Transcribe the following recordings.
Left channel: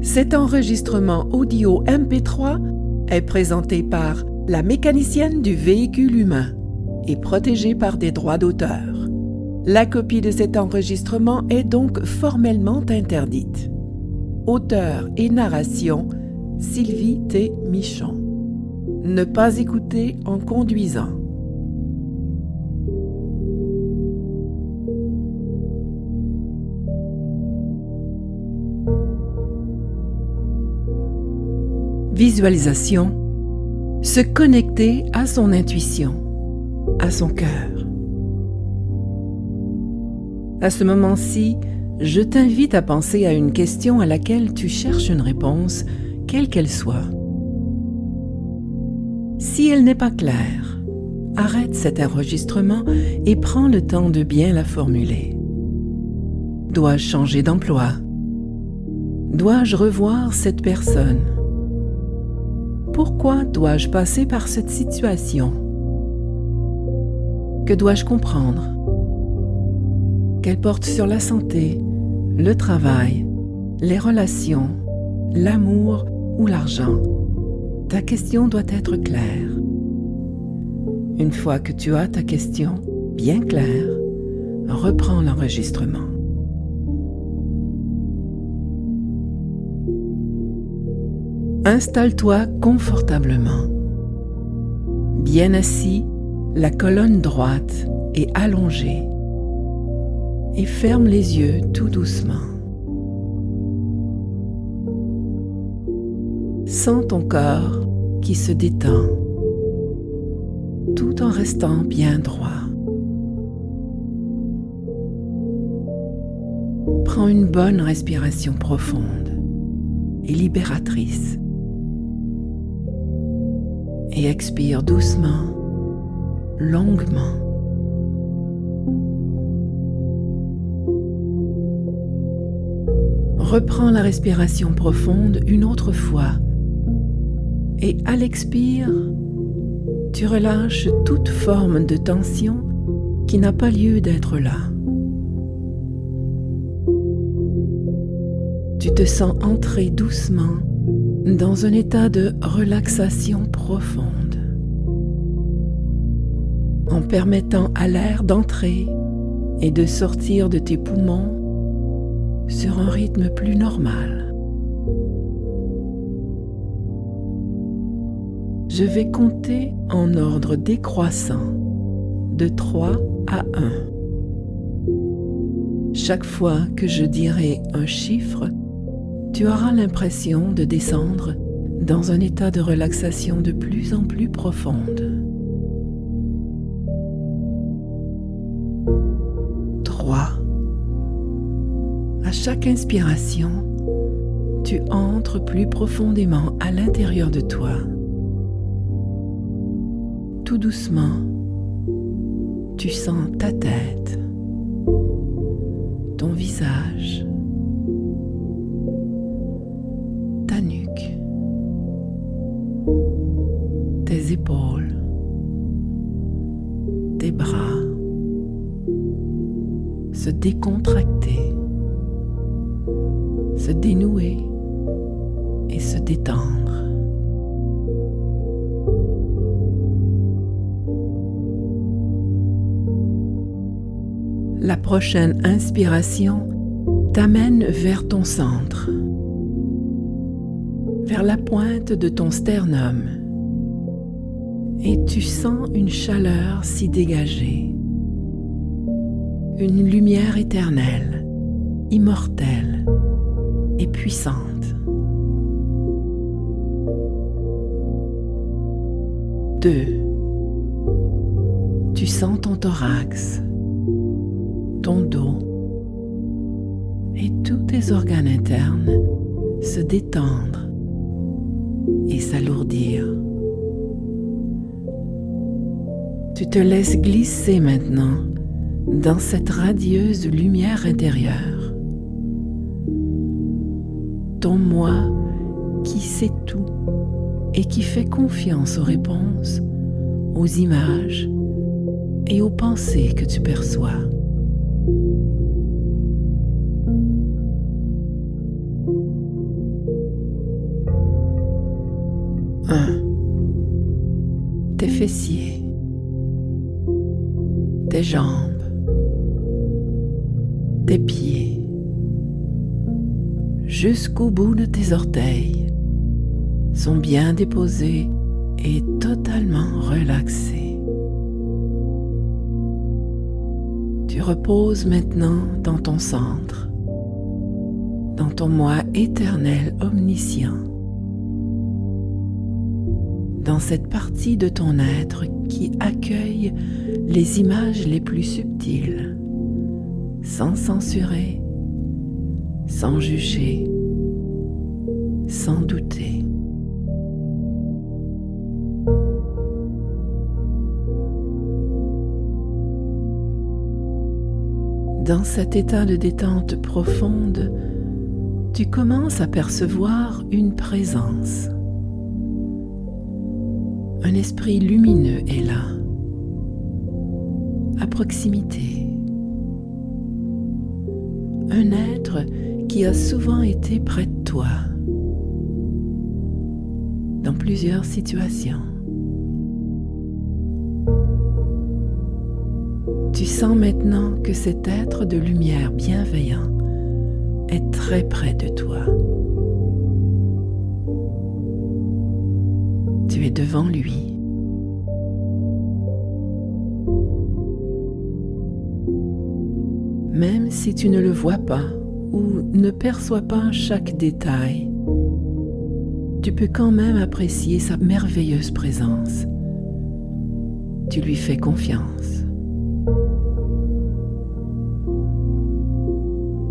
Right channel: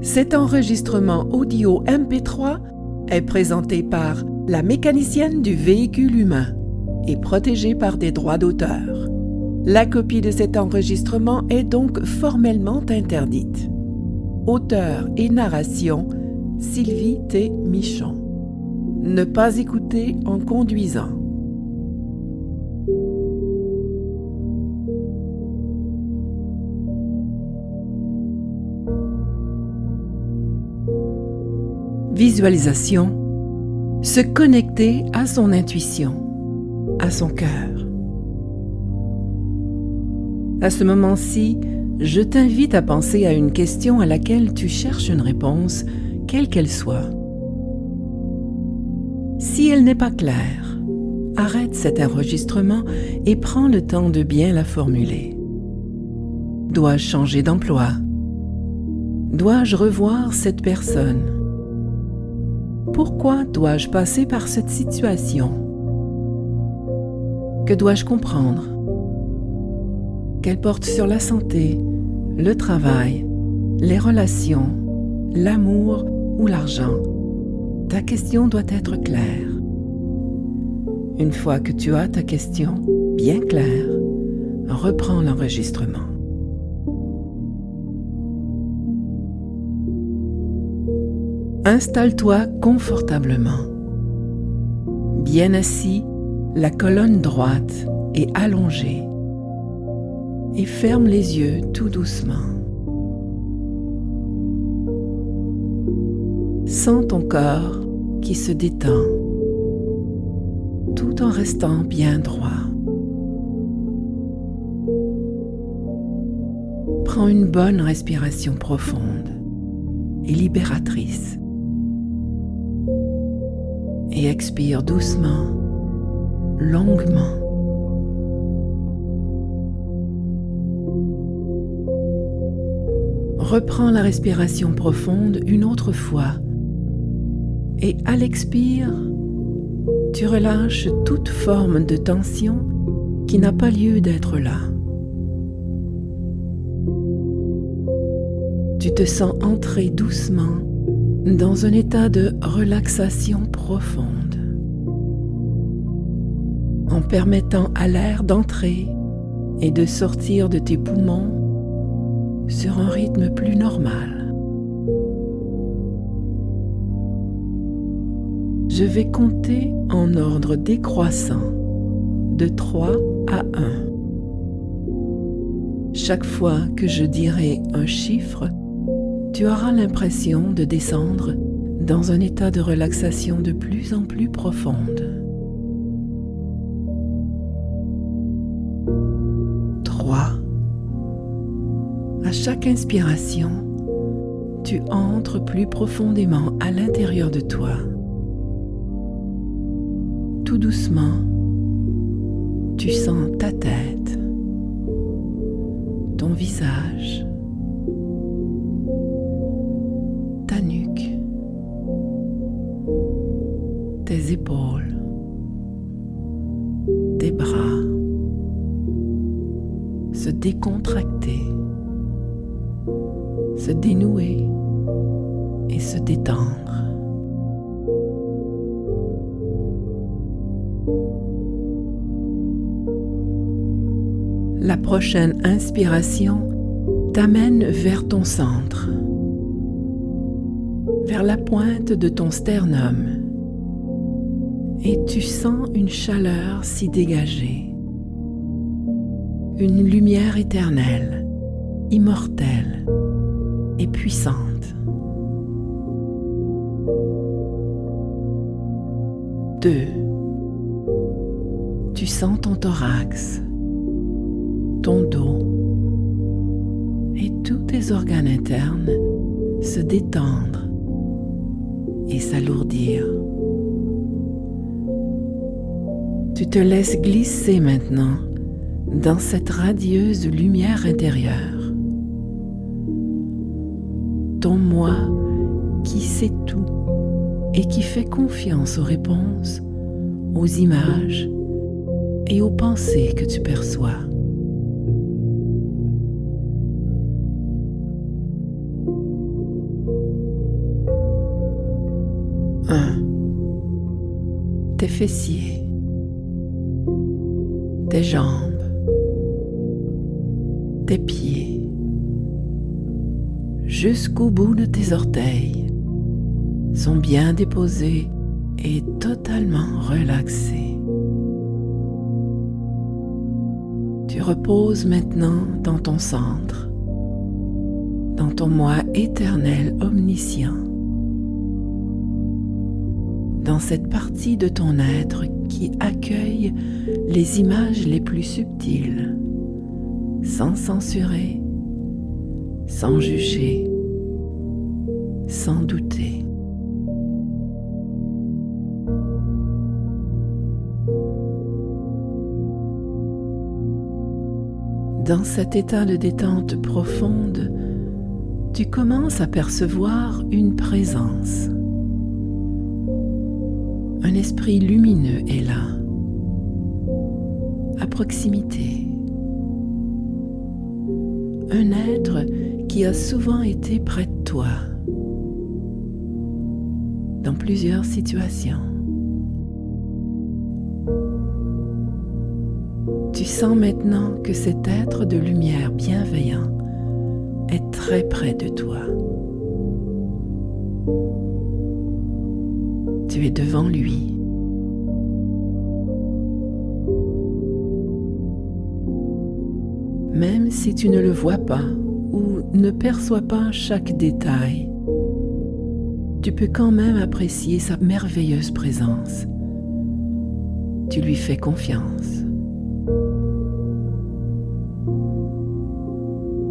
Cet enregistrement audio MP3 est présenté par la mécanicienne du véhicule humain et protégé par des droits d'auteur. La copie de cet enregistrement est donc formellement interdite. Auteur et narration, Sylvie T. Michon. Ne pas écouter en conduisant. Visualisation. Se connecter à son intuition, à son cœur. À ce moment-ci, je t'invite à penser à une question à laquelle tu cherches une réponse, quelle qu'elle soit. Si elle n'est pas claire, arrête cet enregistrement et prends le temps de bien la formuler. Dois-je changer d'emploi? Dois-je revoir cette personne? Pourquoi dois-je passer par cette situation? Que dois-je comprendre? Qu'elle porte sur la santé, le travail, les relations, l'amour ou l'argent. Ta question doit être claire. Une fois que tu as ta question bien claire, reprends l'enregistrement. Installe-toi confortablement. Bien assis, la colonne droite est allongée. Et ferme les yeux tout doucement. Sens ton corps qui se détend, tout en restant bien droit. Prends une bonne respiration profonde et libératrice. Et expire doucement, longuement. Reprends la respiration profonde une autre fois et à l'expire, tu relâches toute forme de tension qui n'a pas lieu d'être là. Tu te sens entrer doucement dans un état de relaxation profonde, en permettant à l'air d'entrer et de sortir de tes poumons sur un rythme plus normal. Je vais compter en ordre décroissant de 3 à 1. Chaque fois que je dirai un chiffre, tu auras l'impression de descendre dans un état de relaxation de plus en plus profonde. 3. À chaque inspiration, tu entres plus profondément à l'intérieur de toi. Tout doucement, tu sens ta tête, ton visage, ta nuque, tes épaules, tes bras se décontracter, se dénouer et se détendre. La prochaine inspiration t'amène vers ton centre, vers la pointe de ton sternum, et tu sens une chaleur s'y dégager, une lumière éternelle, immortelle et puissante. 2. Tu sens ton thorax, ton dos et tous tes organes internes se détendre et s'alourdir. Tu te laisses glisser maintenant dans cette radieuse lumière intérieure. Ton moi qui sait tout et qui fait confiance aux réponses, aux images et aux pensées que tu perçois. 1. Tes fessiers, tes jambes, tes pieds, jusqu'au bout de tes orteils, sont bien déposés et totalement relaxés. Tu reposes maintenant dans ton centre, dans ton moi éternel omniscient, dans cette partie de ton être qui accueille les images les plus subtiles, sans censurer, sans juger, sans douter. Dans cet état de détente profonde, tu commences à percevoir une présence. Un esprit lumineux est là, à proximité. Un être qui a souvent été près de toi, dans plusieurs situations. Tu sens maintenant que cet être de lumière bienveillant est très près de toi. Tu es devant lui. Même si tu ne le vois pas ou ne perçois pas chaque détail, tu peux quand même apprécier sa merveilleuse présence. Tu lui fais confiance.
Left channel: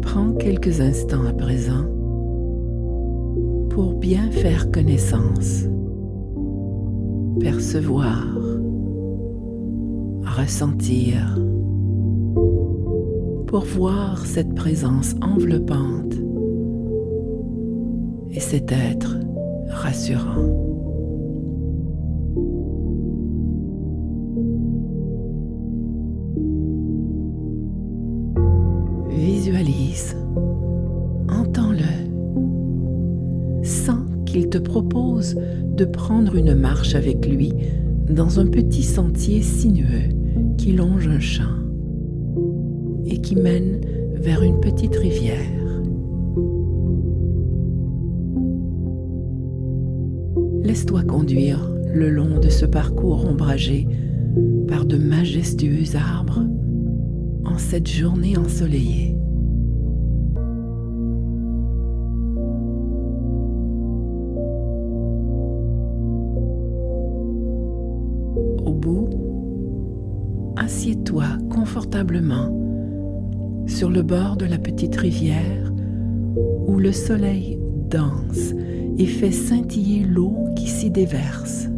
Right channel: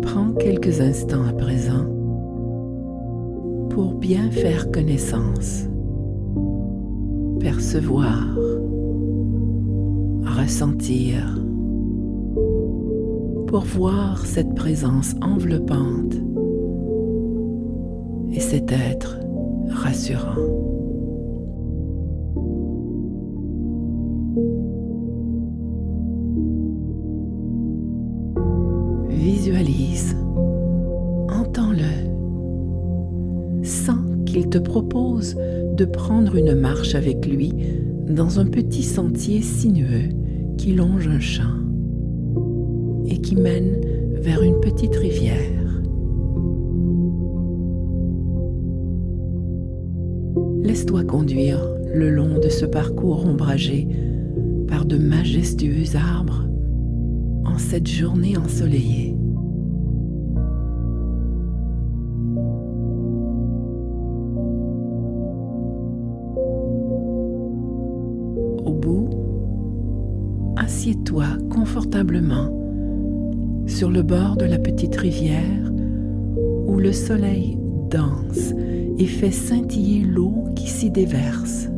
Prends quelques instants à présent pour bien faire connaissance, percevoir, ressentir, pour voir cette présence enveloppante et cet être rassurant. Visualise, entends-le, sens qu'il te propose de prendre une marche avec lui dans un petit sentier sinueux qui longe un champ et qui mène vers une petite rivière. Laisse-toi conduire le long de ce parcours ombragé par de majestueux arbres en cette journée ensoleillée. Au bout, assieds-toi confortablement sur le bord de la petite rivière où le soleil danse et fait scintiller l'eau qui s'y déverse.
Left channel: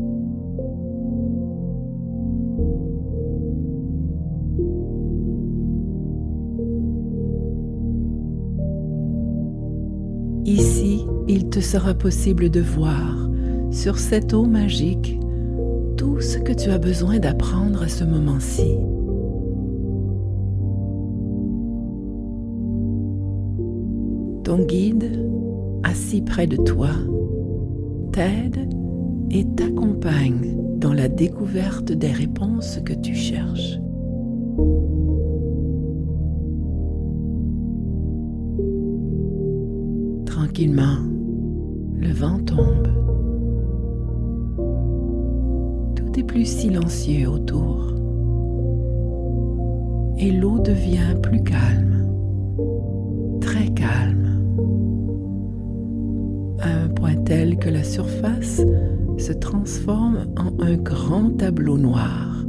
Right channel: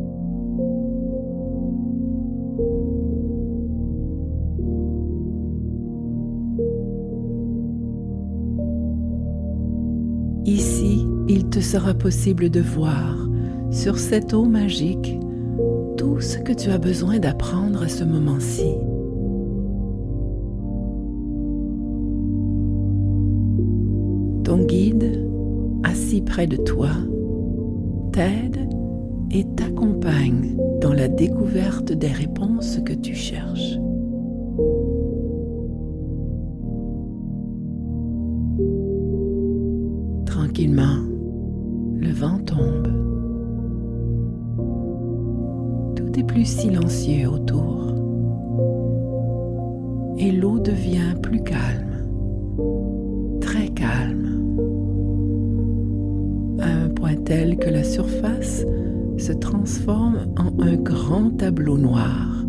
Ici, il te sera possible de voir sur cette eau magique tout ce que tu as besoin d'apprendre à ce moment-ci. Ton guide, assis près de toi, t'aide et t'accompagne dans la découverte des réponses que tu cherches. Tranquillement, le vent tombe. Tout est plus silencieux autour et l'eau devient plus calme, très calme, à un point tel que la surface se transforme en un grand tableau noir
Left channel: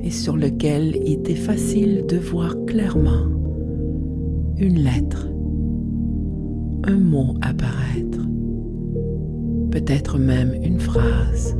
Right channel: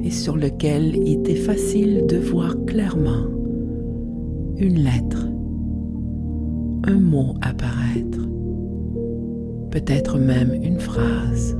et sur lequel il est facile de voir clairement une lettre, un mot apparaître, peut-être même une phrase.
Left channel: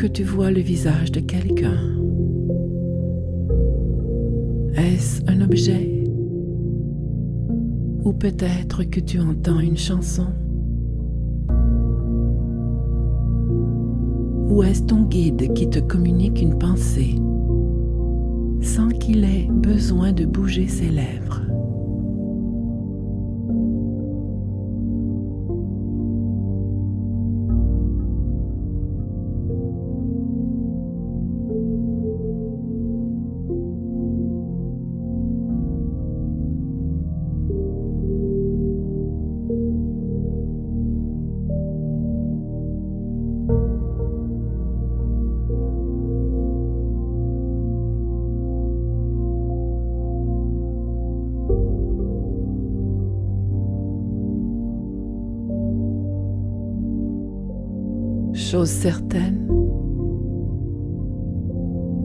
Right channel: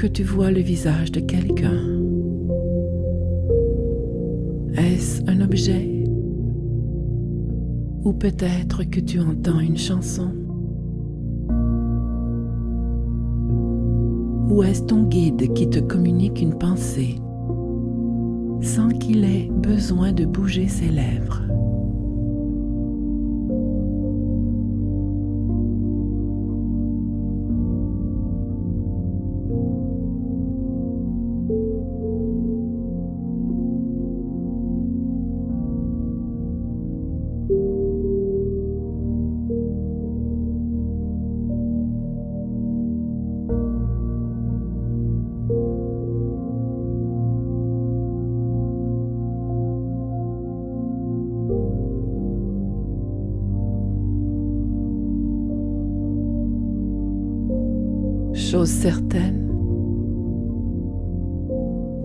que tu vois le visage de quelqu'un. Est-ce un objet? Ou peut-être que tu entends une chanson? Ou est-ce ton guide qui te communique une pensée sans qu'il ait besoin de bouger ses lèvres? Chose certaine,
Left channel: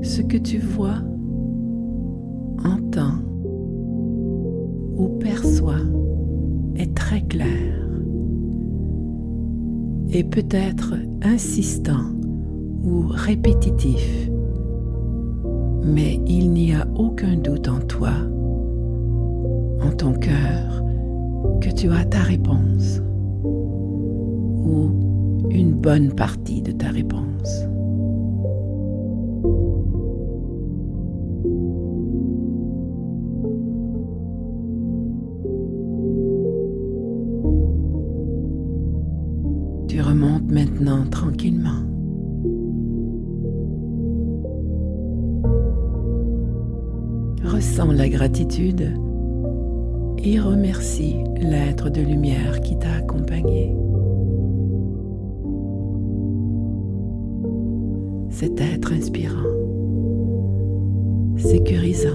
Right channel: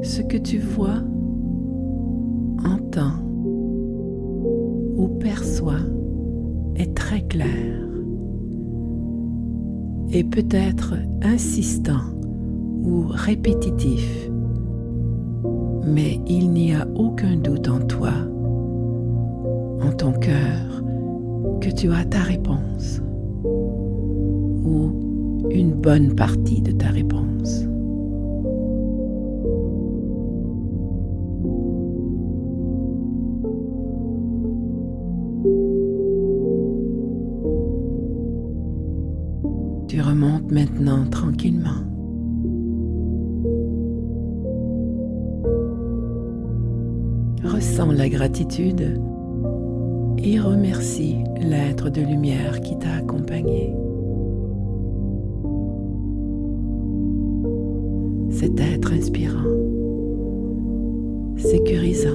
ce que tu vois, entends ou perçois est très clair et peut-être insistant ou répétitif, mais il n'y a aucun doute en toi, en ton cœur, que tu as ta réponse ou une bonne partie de ta réponse. Tu remontes maintenant tranquillement. Ressens la gratitude et remercie l'être de lumière qui t'a accompagné. Cet être inspirant, sécurisant,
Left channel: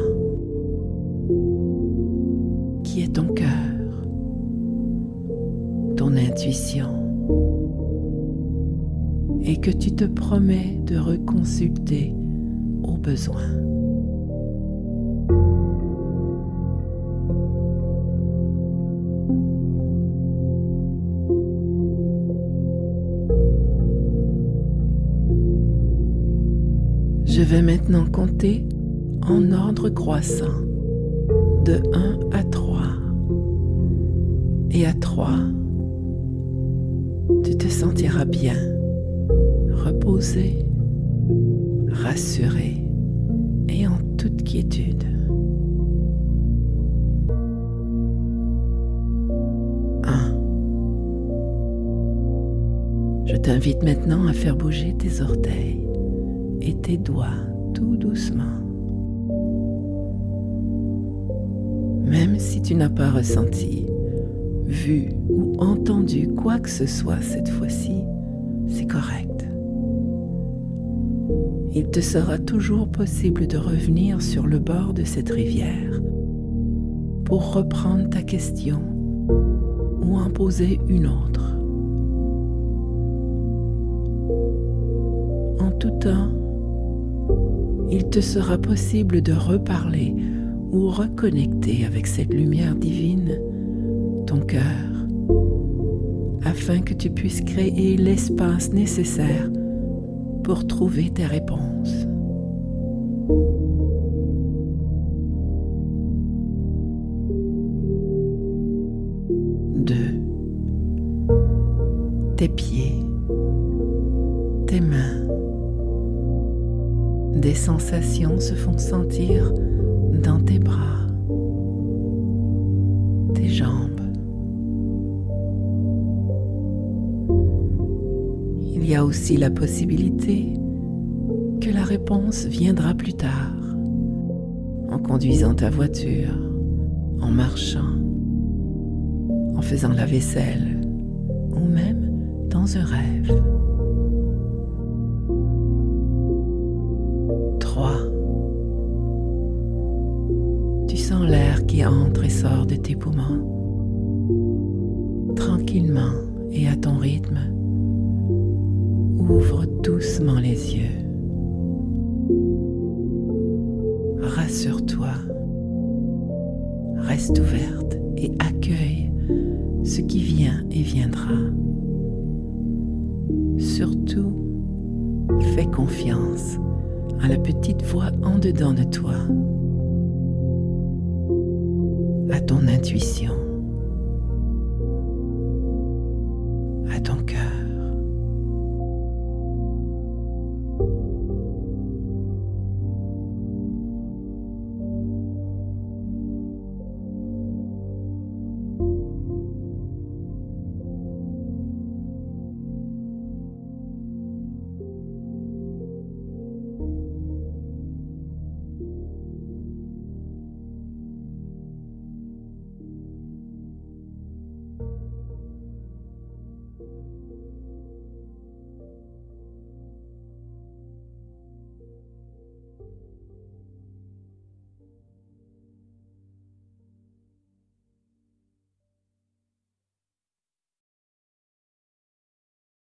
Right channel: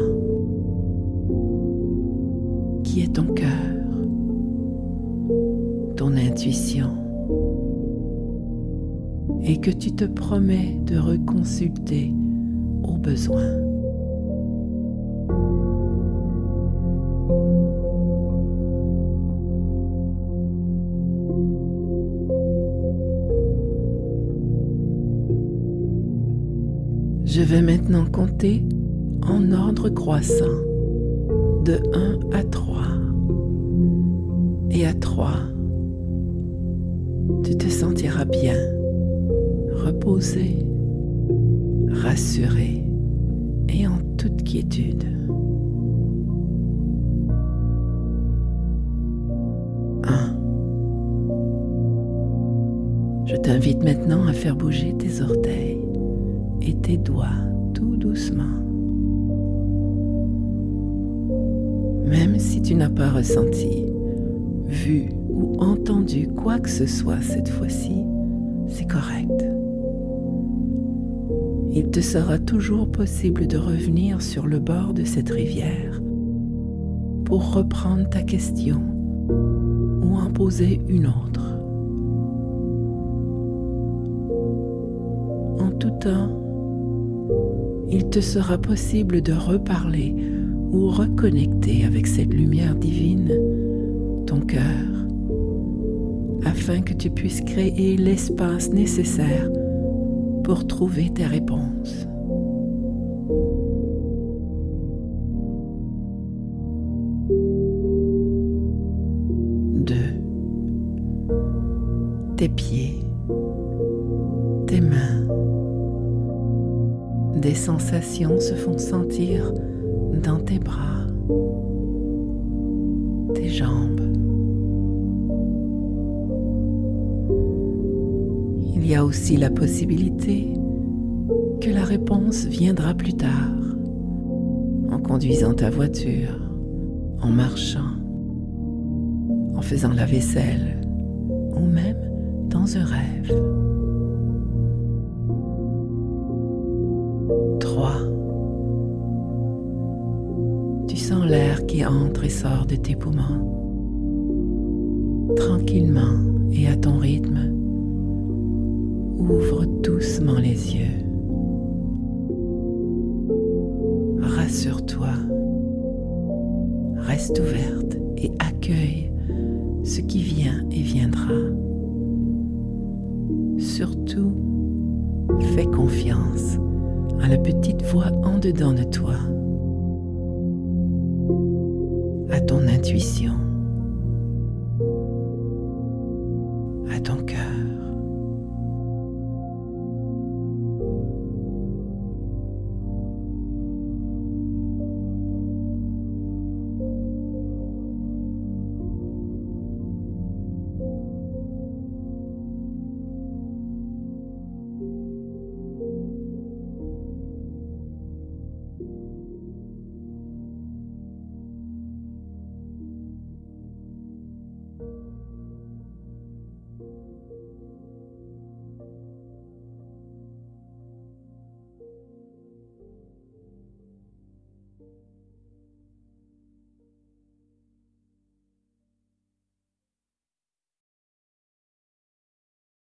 qui est ton cœur, ton intuition, et que tu te promets de reconsulter au besoin. Je vais maintenant compter en ordre croissant, de 1 à 3. Et à 3, tu te sentiras bien, reposé, rassuré et en toute quiétude. 1. Je t'invite maintenant à faire bouger tes orteils et tes doigts tout doucement. Même si tu n'as pas ressenti, vu ou entendu quoi que ce soit cette fois-ci, c'est correct. Il te sera toujours possible de revenir sur le bord de cette rivière pour reprendre ta question ou en poser une autre. En tout temps, il te sera possible de reparler ou reconnecter avec cette lumière divine, ton cœur, afin que tu puisses créer l'espace nécessaire pour trouver tes réponses. Deux. Tes pieds, tes mains. Des sensations se font sentir dans tes bras, tes jambes. Il y a aussi la possibilité que la réponse viendra plus tard, en conduisant ta voiture, en marchant, en faisant la vaisselle ou même dans un rêve. 3. Tu sens l'air qui entre et sort de tes poumons. Tranquillement et à ton rythme, ouvre doucement les yeux. Rassure-toi, reste ouverte et accueille ce qui vient et viendra. Surtout, Fais confiance à la petite voix en dedans de toi, à ton intuition, à ton cœur.